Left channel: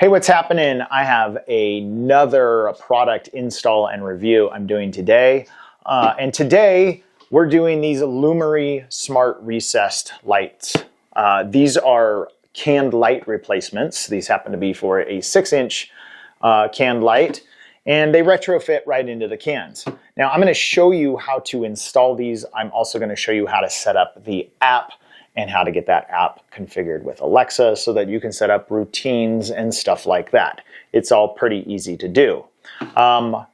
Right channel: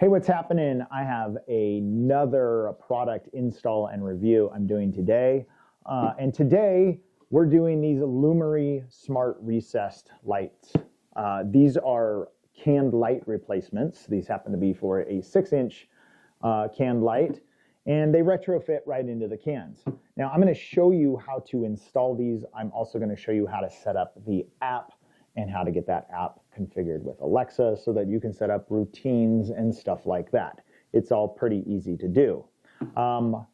Hey, what's happening? I have another product install and review I'm doing today. And today we're doing these Lumery Smart Recessed lights. These are canned light replacements. These happen to be for a 6-inch canned light, and they retrofit right into the cans. Now I'm going to show you how to install these. I'm also going to show you how to set up the app and how to get that app configured with Alexa so that you can set up routines and stuff like that. It's all pretty easy to do.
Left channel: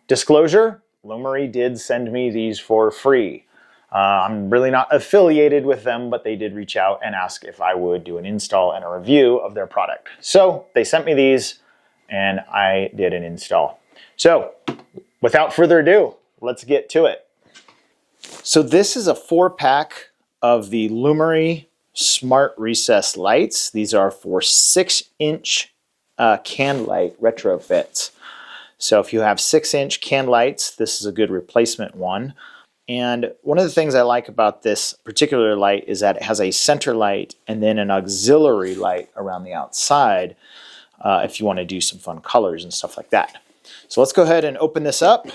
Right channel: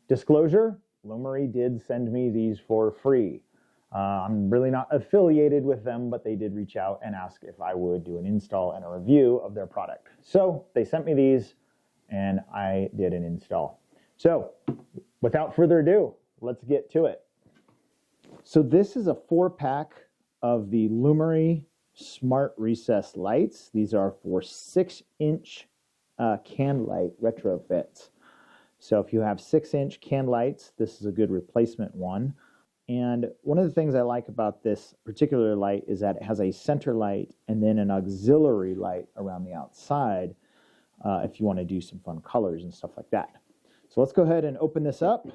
Disclosure, Lumery did send me these for free. I'm really not affiliated with them, but they did reach out and ask if I would do an install and a review of their product. So they sent me these and I did an install. So without further ado, let's get to it. So this is a 4-pack of the Lumery Smart Recessed lights. These are for 6-inch can light retrofits. So if you have 6-inch can lights, this is a good replacement one. And one of the things I like about this particular light is that it has a center light and then an auxiliary light around the outside if you want to do some fun colors and stuff like that. So let's go ahead and open this up.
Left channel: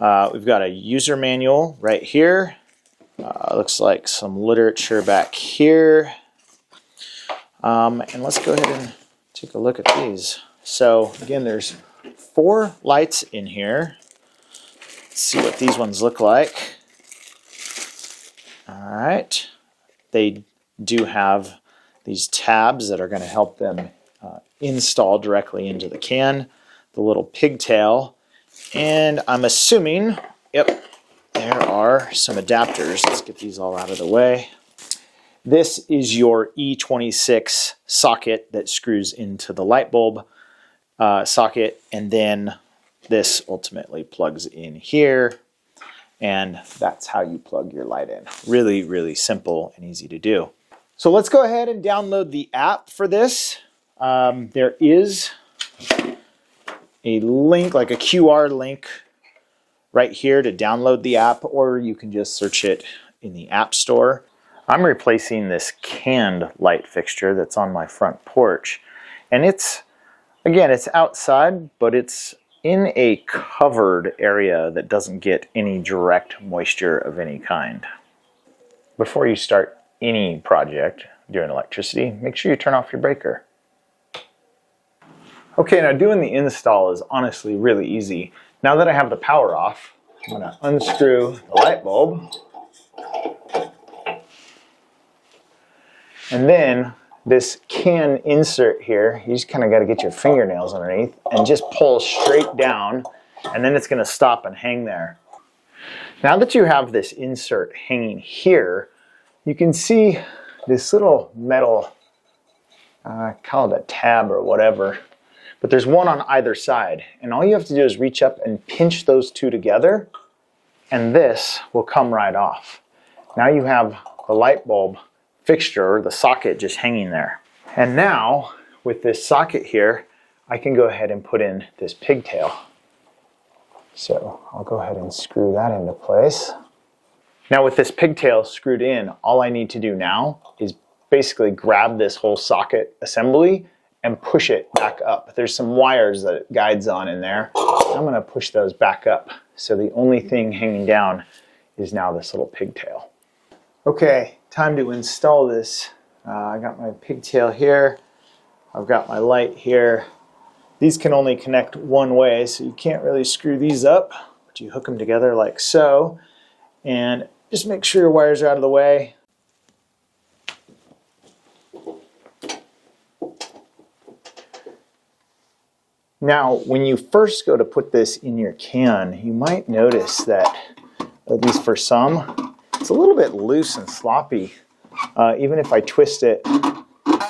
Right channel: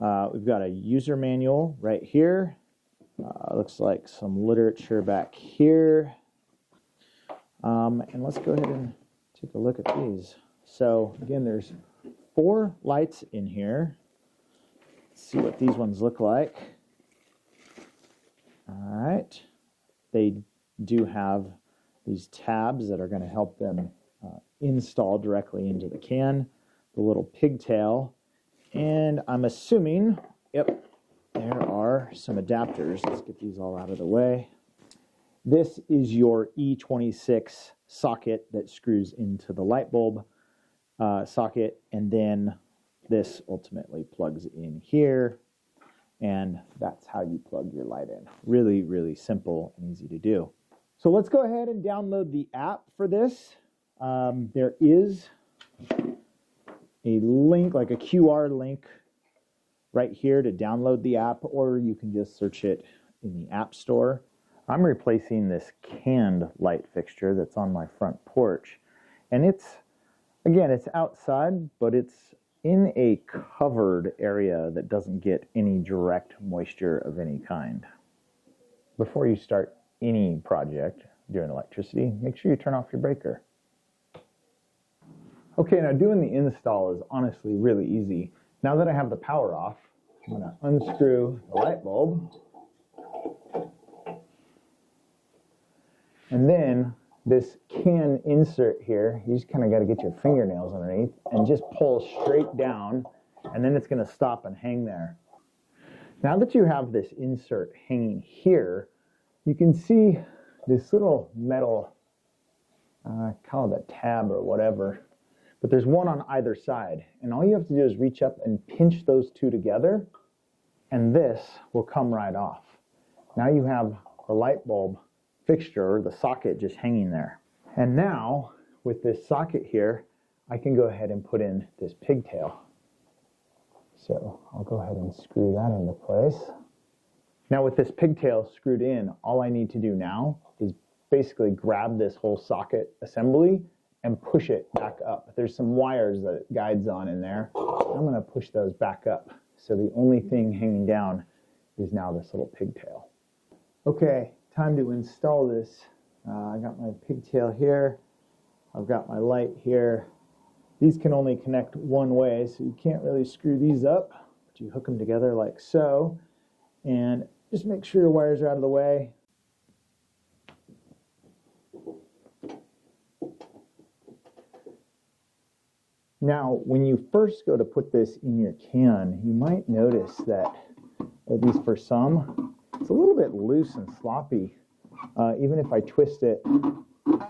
We've got a user manual right here. Looks like some literature back here. And let's go ahead and take a look at these. So again, there's 4 lights in here. Let's see what these ones look like. All right. They do have these tabs that are going to help them install directly into the can. The little pigtail. And I'm assuming, yep, there are some adapters. Let's get these all out of the way. This is your E26 socket that screws into the light bulb socket, and then this ultimately plugs in here, and that's how you plug your light in. Really, really simple and easy to do. So let's go ahead and download the app for this. There is a link, like a QR link right here to download the app, or you can just search it in the App Store. I'm replacing this canned light fixture that's on my front porch. And it's, again, it's outside, but it's in a covered area that doesn't get any direct moisture of any kind. Before you start any project doing electricity, make sure you turn off your breaker. Okay, now doing the install is honestly really easy. Now that I have the power off, I'm going to unscrew the light bulb. And then this can insert here, you just kind of got to get your fingernails underneath and just pull straight down, and then it's going to stop and hang there. Now that you have this insert hanging here, you can see this little metal, call it a tab or whatever, but there's one on either side, and all you have to do is reach up and pinch those two together, and this will come right off. Now you have the light bulb fixture, the socket, just hanging there. And now, with this socket here, I can go ahead and put in this pigtail. So I'll go ahead and screw that into place. Now with this pigtail screwed in, all I need to do now is basically grab this whole socket assembly and push it back up. There's some wires that it guides on in there. I'm going to push those back up. So the only thing hanging down is now this little pigtail. Okay, time to install this. I got my pigtail here. I've got my light here. These can only connect one way, so you can't really screw these up, but you hook them together like so. And just make sure your wires are out of the way. Now, when you first go to put this in your can, you might notice that, at least for some, it's a little bit loose and sloppy. Even if I twist it,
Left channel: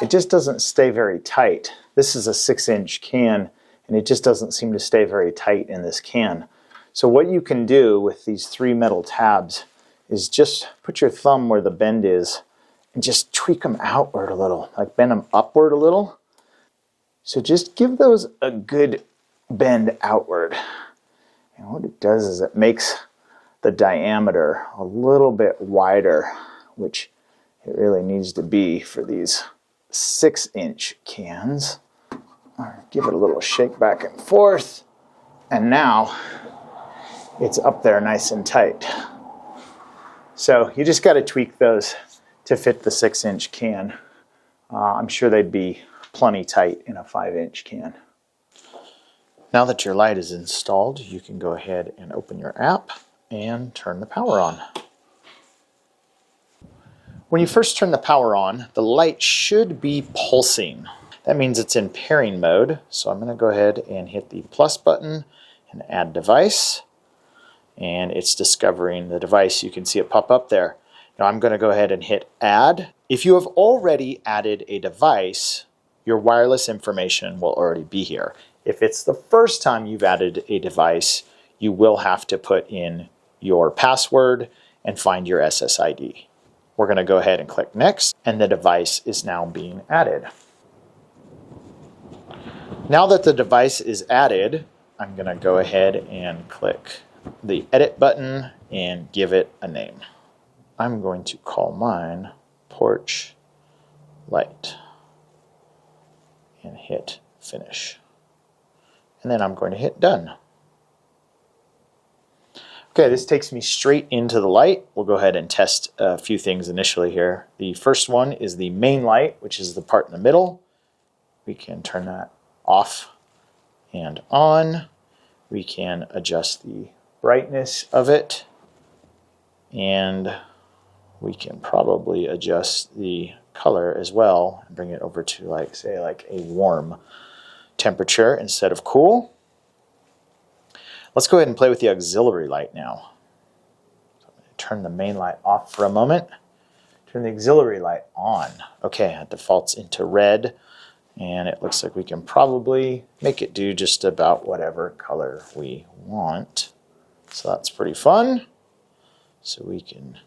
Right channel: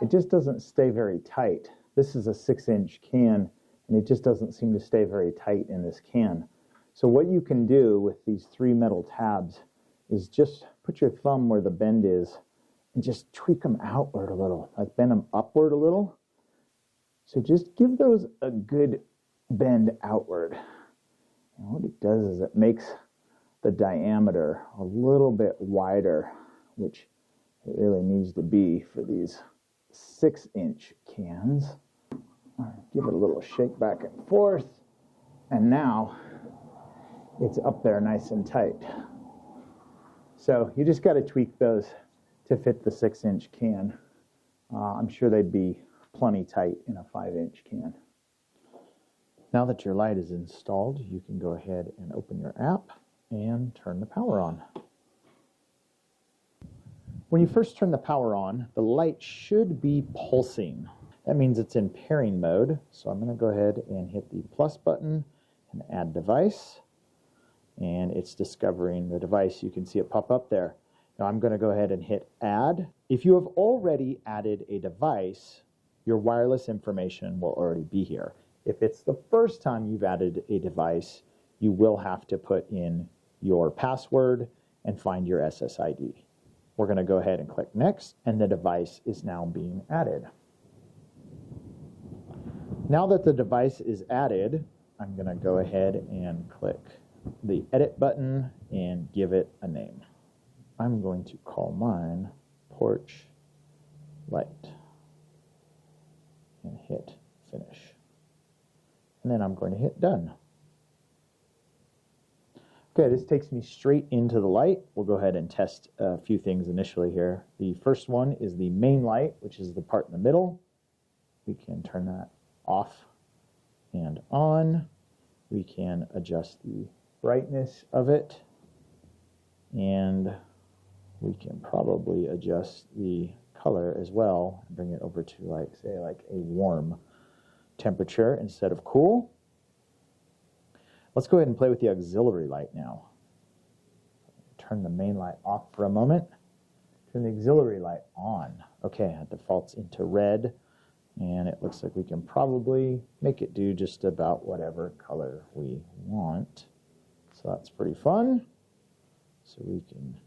it just doesn't stay very tight. This is a 6-inch can, and it just doesn't seem to stay very tight in this can. So what you can do with these 3 metal tabs is just put your thumb where the bend is and just tweak them outward a little, like bend them upward a little. So just give those a good bend outward. And what it does is it makes the diameter a little bit wider, which it really needs to be for these 6-inch cans. Give it a little shake back and forth. And now it's up there nice and tight. So you just got to tweak those to fit the 6-inch can. I'm sure they'd be plenty tight in a 5-inch can. Now that your light is installed, you can go ahead and open your app and turn the power on. When you first turn the power on, the light should be pulsing. That means it's in pairing mode. So I'm going to go ahead and hit the plus button and add device. And it's discovering the device. You can see it pop up there. Now I'm going to go ahead and hit add. If you have already added a device, your wireless information will already be here. If it's the first time you've added a device, you will have to put in your password and find your SSID. We're going to go ahead and click next, and the device is now being added. Now that the device is added, I'm going to go ahead and click the edit button and give it a name. I'm going to call mine Porch Light and hit finish. And then I'm going to hit done. Okay, this takes me straight into the light. We'll go ahead and test a few things initially here. The first one is the main light, which is the part in the middle. We can turn that off and on. We can adjust the brightness of it. And we can probably adjust the color as well and bring it over to like a warm temperature instead of cool. Let's go ahead and play with the auxiliary light now. So I'm going to turn the main light off for a moment. Turn the auxiliary light on. Okay, it defaults into red, and it looks like we can probably make it do just about whatever color we want. So that's pretty fun. So we can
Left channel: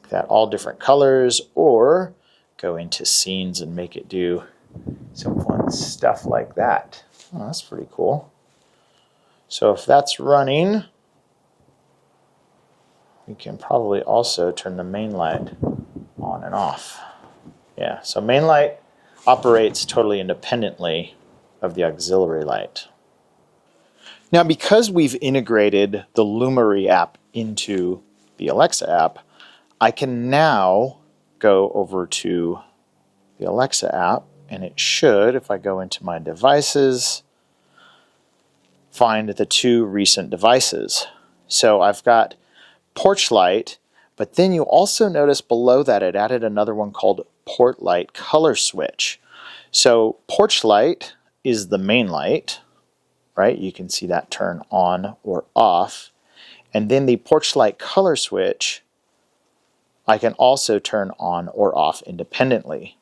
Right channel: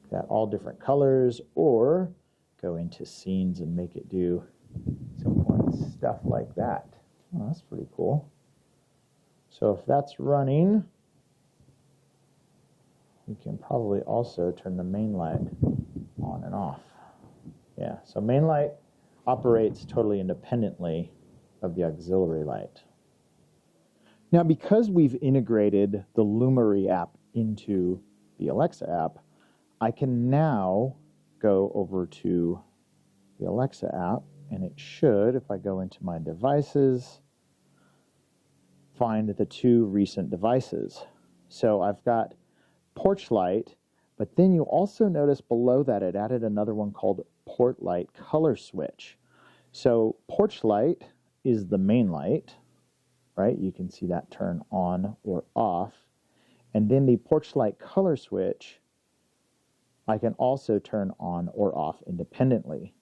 make that all different colors, or go into scenes and make it do some fun stuff like that. Oh, that's pretty cool. So if that's running, we can probably also turn the main light on and off. Yeah, so main light operates totally independently of the auxiliary light. Now, because we've integrated the Lumery app into the Alexa app, I can now go over to the Alexa app, and it should, if I go into my devices, find the two recent devices. So I've got Porch Light, but then you also notice below that it added another one called Port Light Color Switch. So Porch Light is the main light, right? You can see that turn on or off. And then the Porch Light Color Switch, I can also turn on or off independently.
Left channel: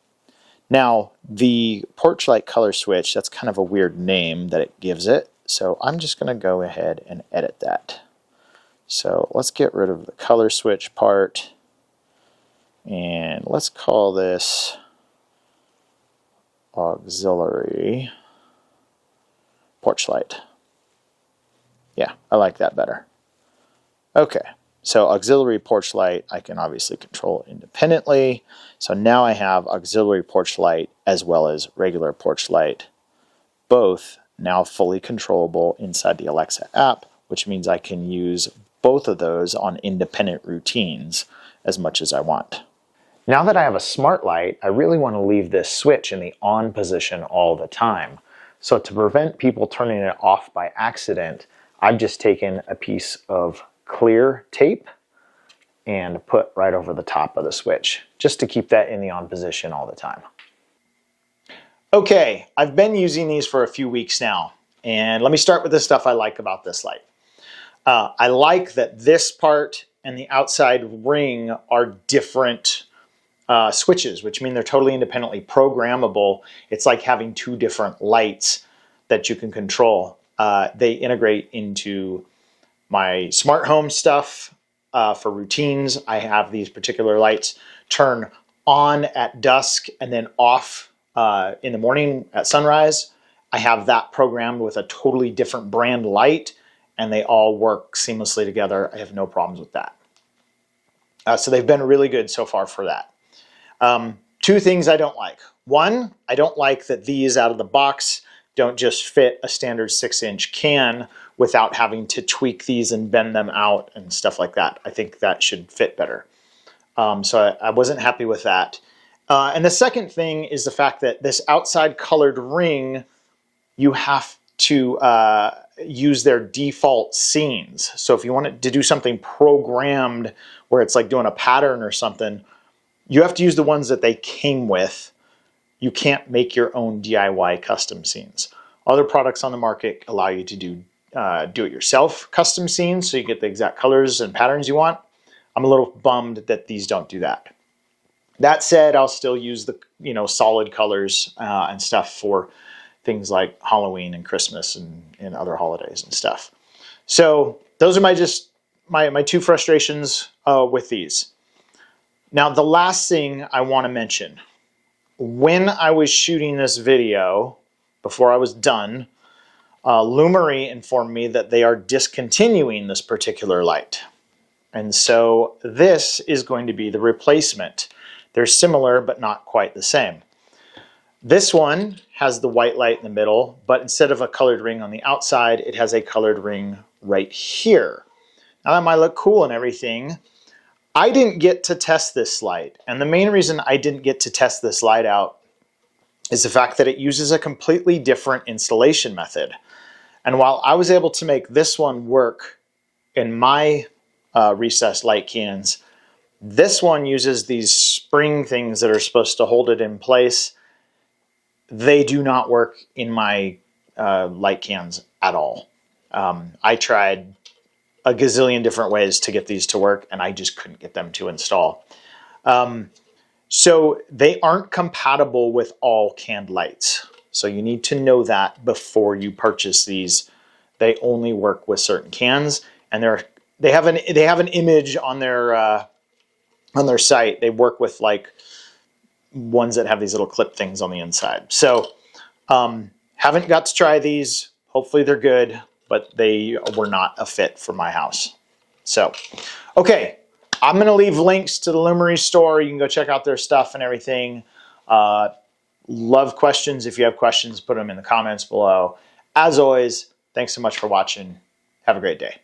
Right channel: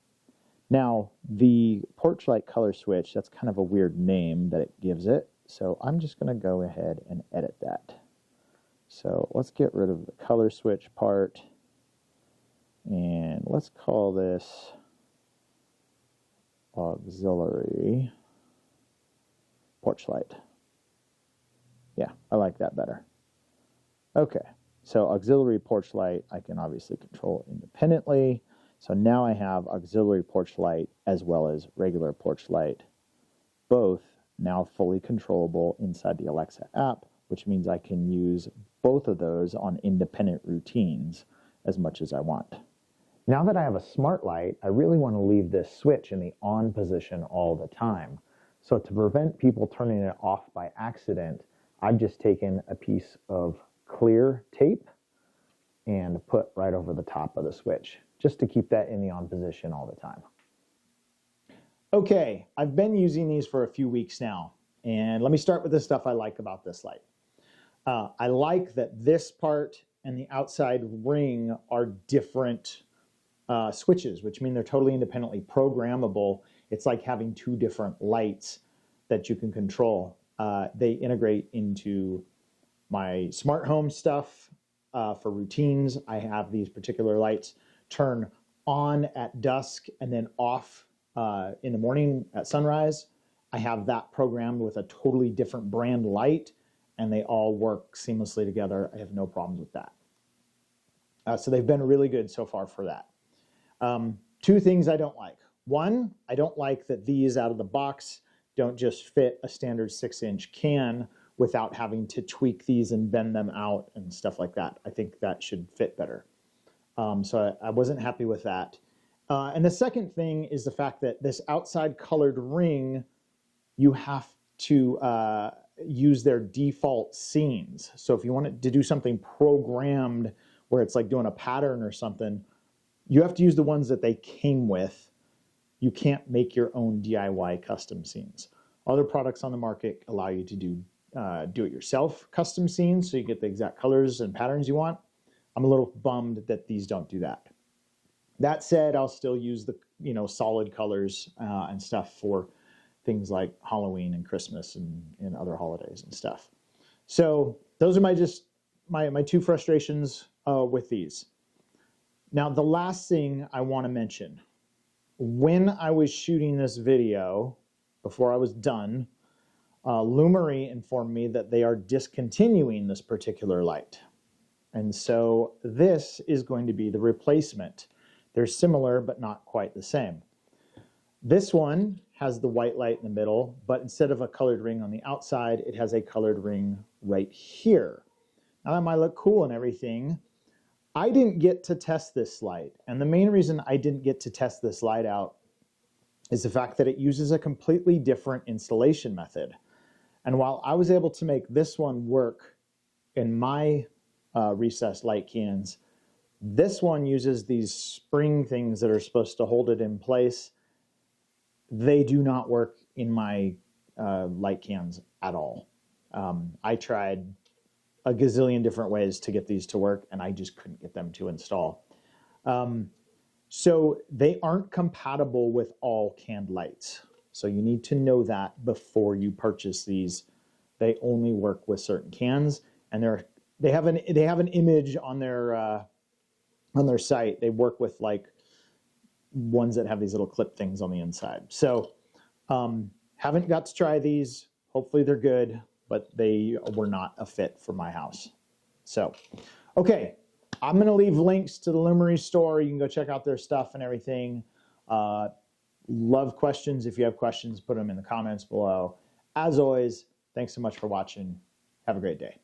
Now, the Porch Light Color Switch, that's kind of a weird name that it gives it. So I'm just going to go ahead and edit that. So let's get rid of the color switch part. And let's call this auxiliary porch light. Yeah, I like that better. Okay, so auxiliary porch light, I can obviously control independently. So now I have auxiliary porch light as well as regular porch light, both now fully controllable inside the Alexa app, which means I can use both of those on independent routines as much as I want. Now that I have a smart light, I really want to leave this switch in the on position all the time. So to prevent people turning it off by accident, I've just taken a piece of clear tape and put right over the top of the switch, just to keep that in the on position all the time. Okay, I've been using these for a few weeks now, and let me start with the stuff I like about this light. I like that this part and the outside ring are different switches, which mean they're totally independently programmable. It's like having two different lights that you can control. They integrate into my smart home stuff for routines. I have these particular lights turn on at dusk and then off in the morning at sunrise. I have that programmed with a totally different brand light, and they all work seamlessly together. I have no problems with that. So they've been really good so far for that. Two things I don't like. One, I don't like that these out of the box don't just fit a standard 6-inch can without having to tweak these and bend them out and stuff like that. I think that should fit better. So I wasn't happy with that. And the second thing is the fact that this outside colored ring, you have to use their default scenes. So if you want to do something programmed where it's like doing a pattern or something, you have to use the ones that they came with. You can't make your own DIY custom scenes. Other products on the market allow you to do it-yourself custom scenes, so you get the exact colors and patterns you want. I'm a little bummed that these don't do that. That said, I'll still use the solid colors and stuff for things like Halloween and Christmas and other holidays and stuff. So those are my two frustrations with these. Now, the last thing I want to mention, when I was shooting this video, before I was done, Lumery informed me that they are discontinuing this particular light. And so this is going to be the replacement. They're similar, but not quite the same. This one has the white light in the middle, but instead of a colored ring on the outside, it has a colored ring right here. Now that might look cool and everything. I didn't get to test this light, and the main reason I didn't get to test this light out is the fact that it uses a completely different installation method. And while I was able to make this one work in my recessed light cans, this one uses these spring things that are supposed to hold it in place. They do not work in my light cans at all. I tried a gazillion different ways to get these to work, and I just couldn't get them to install. So they aren't compatible with all canned lights. So you need to know that before you purchase these. They only work with certain cans, and they have an image on their site. They work with like ones that have these little clip things on the inside. So haven't got to try these. Hopefully they're good, but they were not a fit for my house. So, okay, I'm gonna leave links to the Lumery store. You can go check out their stuff and everything. Love questions. If you have questions, put them in the comments below. As always, thanks so much for watching. Have a great day.